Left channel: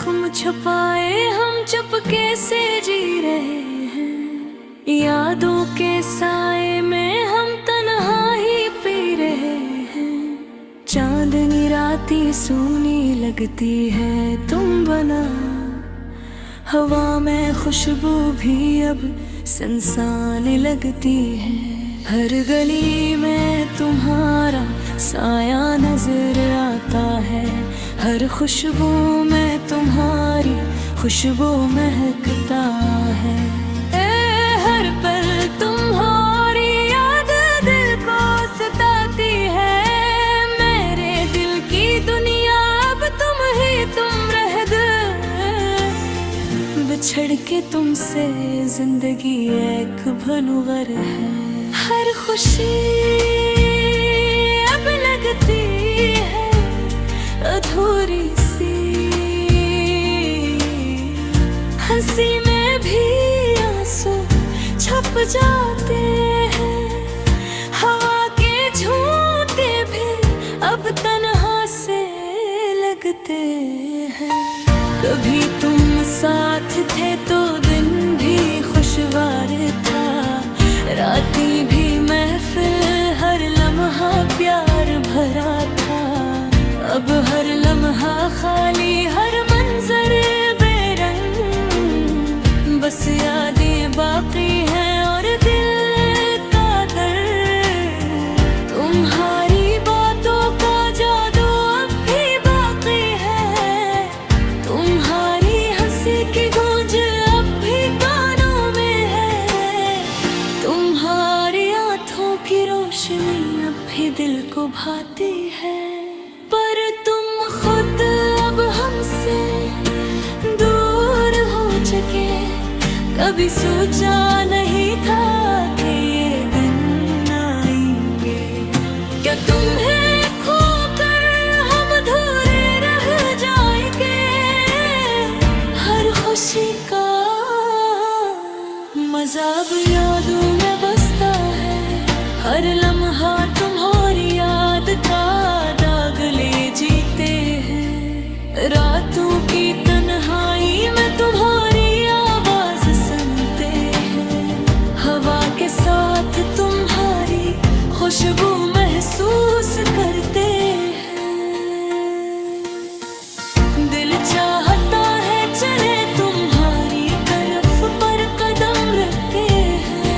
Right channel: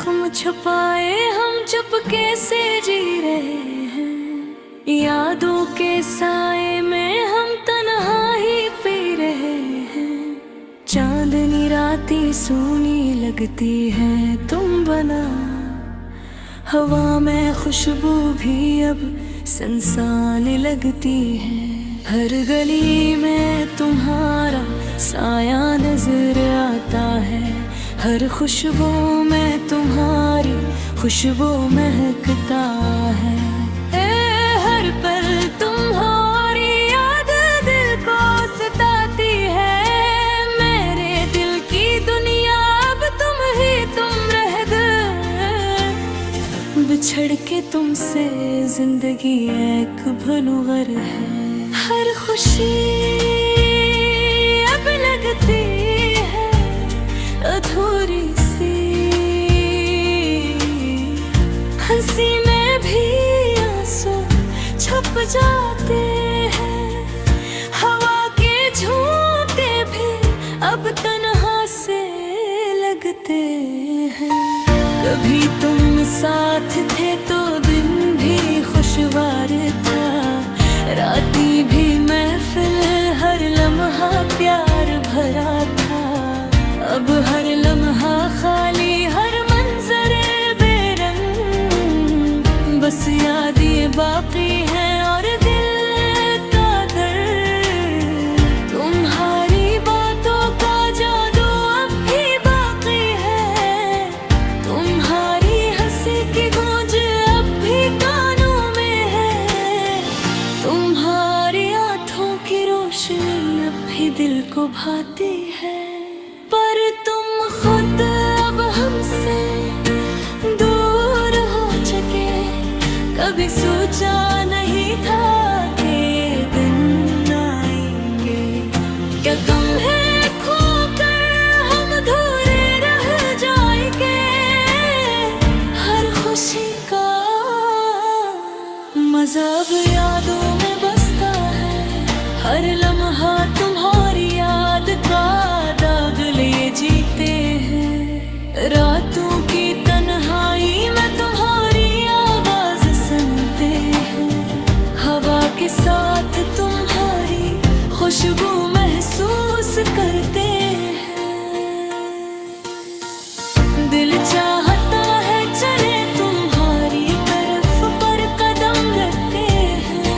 जख्म छुपाए हम चुपके से जी रहे हैं। यादों के साए में हम तन्हा ही पी रहे हैं। चांदनी राती सूनी लगती है तुम बना। हवा में खुशबू भी अब सनसान लगती है। हर गली में तुम्हारा साया नजर आता है। हर खुशबू में तुम्हारी खुशबू महकता है। हर पल तुम्हारी याद दिल को सताती है। मेरे दिल की दुनिया अब तुम रह गए। बिछड़ के तुमसे जिंदगी एक भनूवर है। हर खुशी अब लगती है अधूरी सी। हंसी में भी आंसू छुप जाते हैं। हवा के झोंके भी अब तन्हा से लगते हैं। कभी तुम साथ थे तो दिन भी खुशवार था। राती भी महफिल हर लम्हा प्यार भरा था। अब हर लम्हा खाली हर मंजर बेरंग। बस यादें बाकी हैं और दिल का दर्द। तुम्हारी बातों का जादू अब भी बाकी है। तुम्हारी हंसी की गूंज अब भी कानों में है। तुम्हारी आंखों की रोशनी अब भी दिल को भाती है। पर तुम खुद अब हमसे दूर हो चुके। कभी सोचा नहीं था कि ये दिन आएंगे। क्या तुम्हें खोकर हम अधूरे रह जाएंगे। हर खुशी का मजा अब यादों में बसता है। हर लम्हा तुम्हारी याद का दाग ले जीते हैं। रातों की तन्हाई में तुम्हारी आवाज सुनते हैं। हवा के साथ तुम्हारी खुशबू महसूस करते हैं। दिल चाहता है चले तुम्हारी तरफ पर कदम रखते हैं।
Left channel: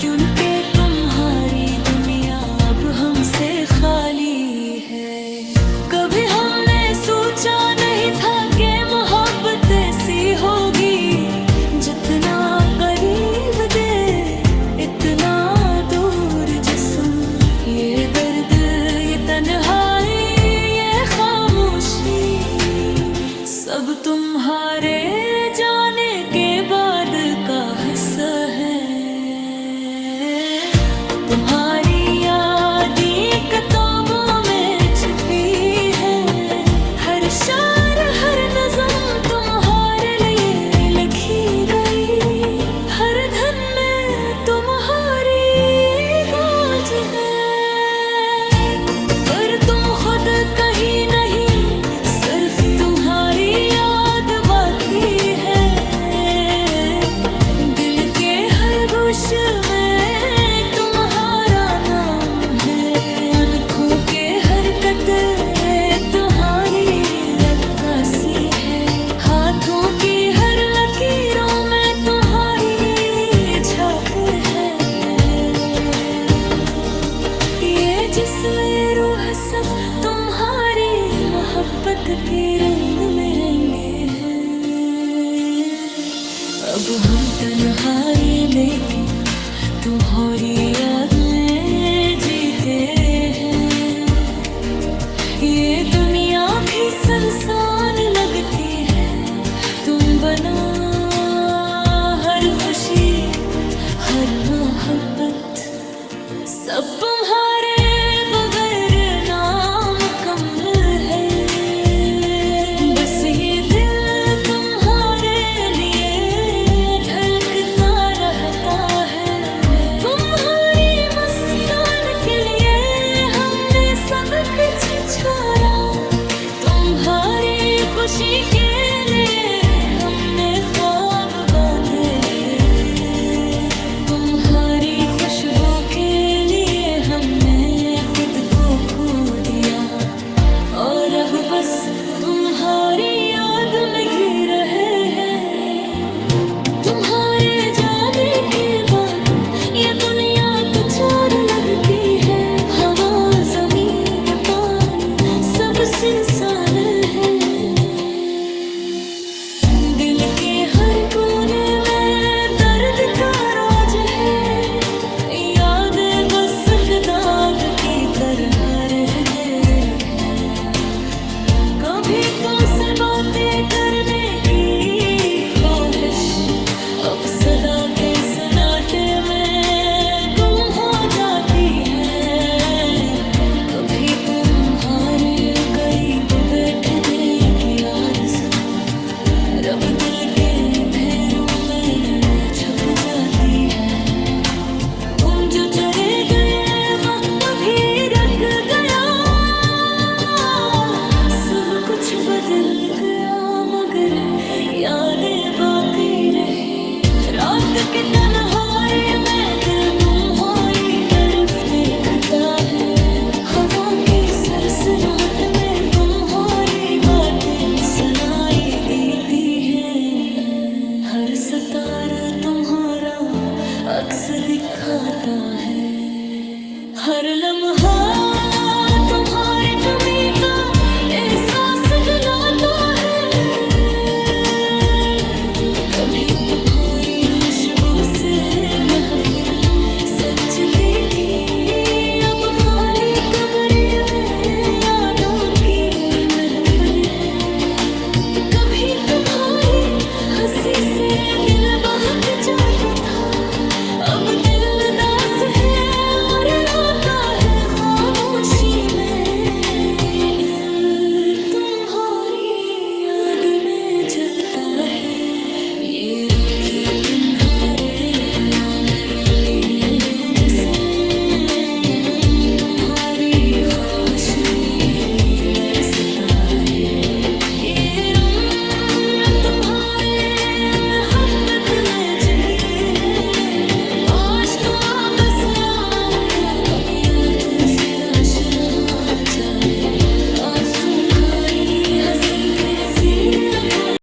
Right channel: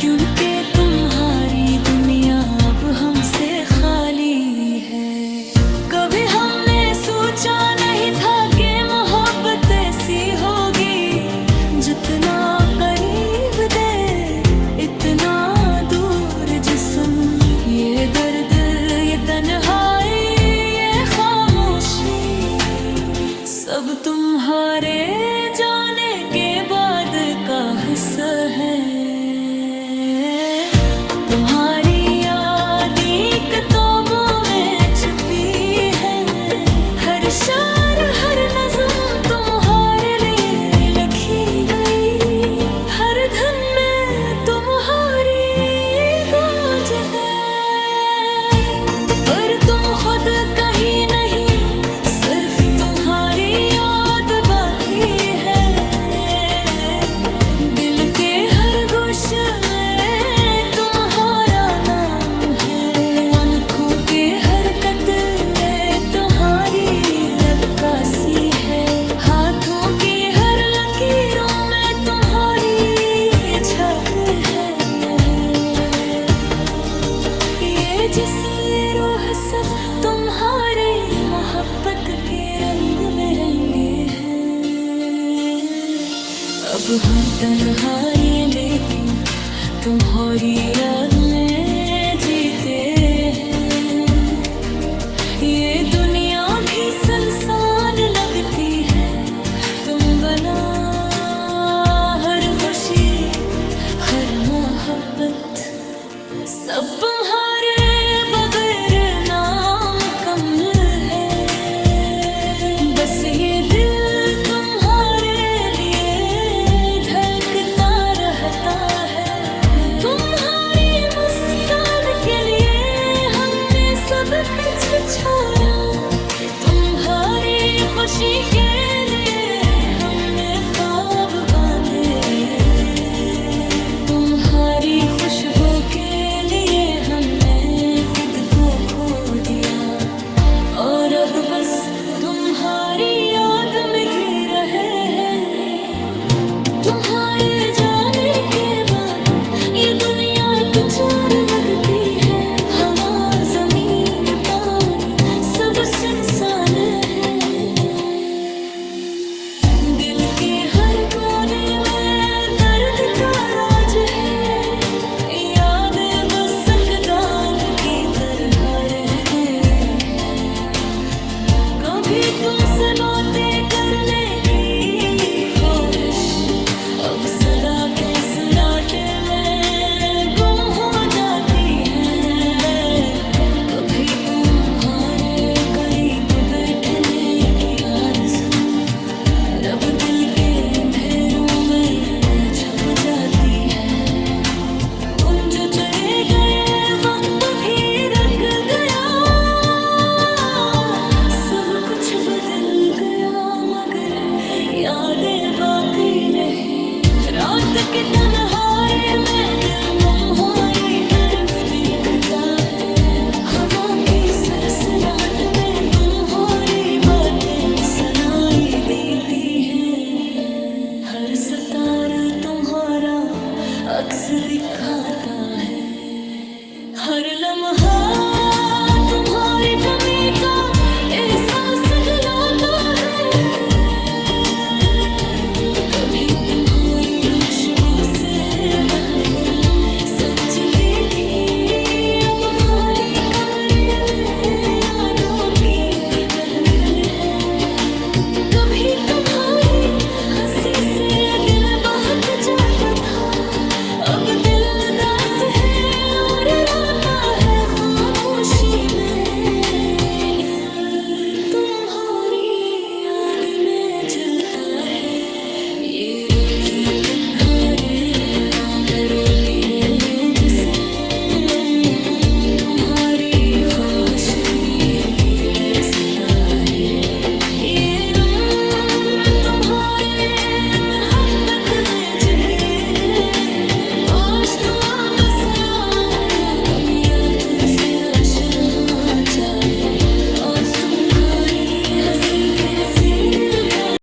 क्योंकि तुम्हारी दुनिया अब हमसे खाली है। कभी हमने सोचा नहीं था कि मोहब्बत ऐसी होगी। जितना करीब दे इतना दूर जिस्म। ये दर्द ये तन्हाई ये खामोशी सब तुम्हारे जाने के बाद का हिस्सा है। तुम्हारी यादें किताबों में छुपी है। हर शार हर नज़्म तुम्हारे लिए लिखी गई। हर धन में तुम्हारी गूंज है। पर तुम खुद कहीं नहीं सिर्फ तुम्हारी याद बाकी है। दिल के हर गोशे में के हर कतरे तुम्हारी अक्कासी है। हाथों की हर लकीरों में तुम्हारी छाप है। ये जिस्म ये रूह सब तुम्हारी मोहब्बत के रंग में रंगे हैं। अब हम तन्हाई लेकिन तुम्हारी याद में जीते हैं। ये दुनिया भी सुनसान लगती है तुम बना। हर खुशी हर मोहब्बत सब तुम्हारे बगैर नाम कमल है। बस ये दिल तुम्हारे लिए धड़कता रहता है। तुम्हारी मुस्कान के लिए हमने सब कुछ छोड़ा। तुम्हारी खुशी के लिए हमने ख्वाब बांधे, तुम्हारी खुशबू के लिए हमने खुद को खो दिया, और अब बस तुम्हारी याद में घी रहे हैं। तुम्हारे जाने के बाद ये दुनिया कुछ और लगती है, हवा जमीन पानी सब सुनसान है। दिल के हर कोने में दर्द का राज है, यादें बस दाग की तरह रह गए हैं। कभी तुमसे बातें करने की ख्वाहिश अब सदा के सन्नाटे में गुम हो जाती है। कभी तुम्हारे करीब बैठने की आरज़ू रब दिल के अंधेरों में छुप जाती है। तुम जो चले गए वक्त भी रख गया, सब कुछ बदल गया मगर यादें बाकी रही। रात की तन्हाई में दिल तुम्हारी तरफ देखता है, हवा की सरसराहट में तुम्हारी बातें सुनाई देती हैं। हर सितार तुम्हारा अक्स दिखाता है, हर लम्हा तुम्हारी कमी का एहसास दिलाता है। कभी तुम्हारी खुशबू से महफिल सजती थी, अब खाली कमरे में यादों की महफिल है। कभी तुम्हारी हंसी से दिल बहक जाता था, अब दिल दास है और रोता है खामोशी में। तुम्हारी याद में जलता है ये रूठी तुम्हारे दिलों में रोती है, जैसे तुम्हारी ख्वाहिश भी लरसता है। ये से राशन चाहे, आज तुम्हारी हंसी फिर